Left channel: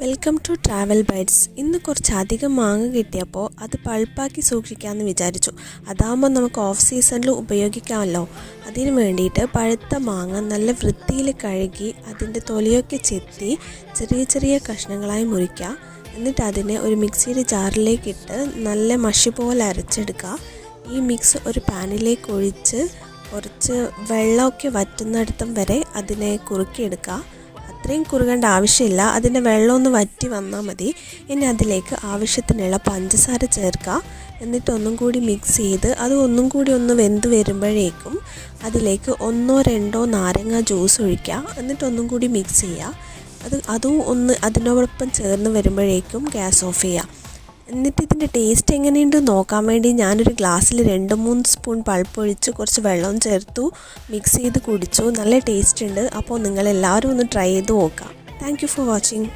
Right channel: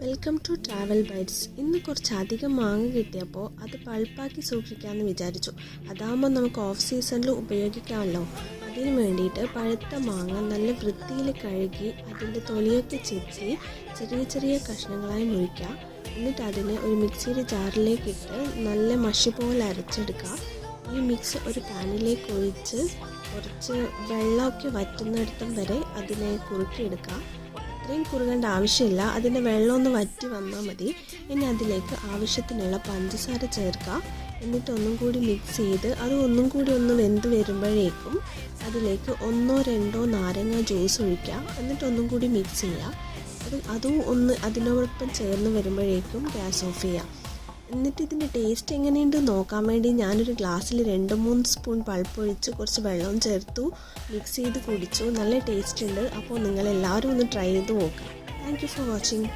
Welcome to travel bytes. ഇന്ന് കുറച്ചധികം മാങ്ങ കിട്ടിയപ്പോൾ അത് പൾപ്പാക്കി സൂക്ഷിക്കാമെന്ന് വിചാരിച്ചു. അതാകുമ്പോൾ നമുക്ക് ഓഫ് സീസണിൽ ഉപയോഗിക്കാമല്ലോ. അതിന് വേണ്ടിയിട്ട് പഴുത്ത മാങ്ങ നല്ല വൃത്തിയിൽ കഴുകി അതിൻ്റെ തൊലിയൊക്കെ ചെത്തി ചെറിയ ചെറിയ കഷ്ണങ്ങളായി മുറിക്കുക. എന്നിട്ട് അതിനെ ഒരു മിക്സിയുടെ ജാറിലേക്കിട്ട് നല്ല മഷി പോലെ അരച്ചെടുക്കുക. ഈ മിക്സ് ഒരു പാനിലേക്ക് ഒഴിച്ച് കുറച്ച് വെള്ളമൊക്കെ വറ്റുന്നിടത്തം വരെ അതിനെ കുറുക്കിയെടുക്കുക. അത്രയും കുറുകേണ്ട ആവശ്യമില്ല, അതിൻ്റെ വെള്ളം ഒന്ന് വറ്റി വന്നാൽ മതി. ഇനി അതിലേക്ക് ആവശ്യത്തിനുള്ള പഞ്ചസാര ചേർക്കുക. എന്നിട്ട് ഒന്നും കൂടി മിക്സ് ചെയ്ത് അത് ഒന്നും കൂടി ഒന്ന് വെന്ത് വരുമ്പോഴേക്കും അതിലേക്ക് 1-2 നാരങ്ങ ജ്യൂസ് ഒഴിക്കുക. എന്നിട്ട് ഒന്നും കൂടി മിക്സ് ചെയ്യുക. അതും ഒന്ന് അതിനോടൊപ്പം ചേർന്ന് വരുമ്പോഴേക്കും ഗ്യാസ് ഓഫ് ചെയ്യുക. എന്നിട്ട് ഇതിൻ്റെ ടേസ്റ്റ് എങ്ങനെയുണ്ട് നോക്കാൻ വേണ്ടി ഞാനൊരു ഗ്ലാസ്സിൽ 2-3 സ്പൂൺ പൾപ്പ് ഒഴിച്ച് കുറച്ച് വെള്ളം ചേർത്തു മിക്സ് ചെയ്ത് കുടിച്ചു. നല്ല ടേസ്റ്റ് ഉണ്ട്. അപ്പോൾ നിങ്ങളെല്ലാവരും ഒന്ന് ട്രൈ ചെയ്ത് നോക്കുക. Thank you for watching.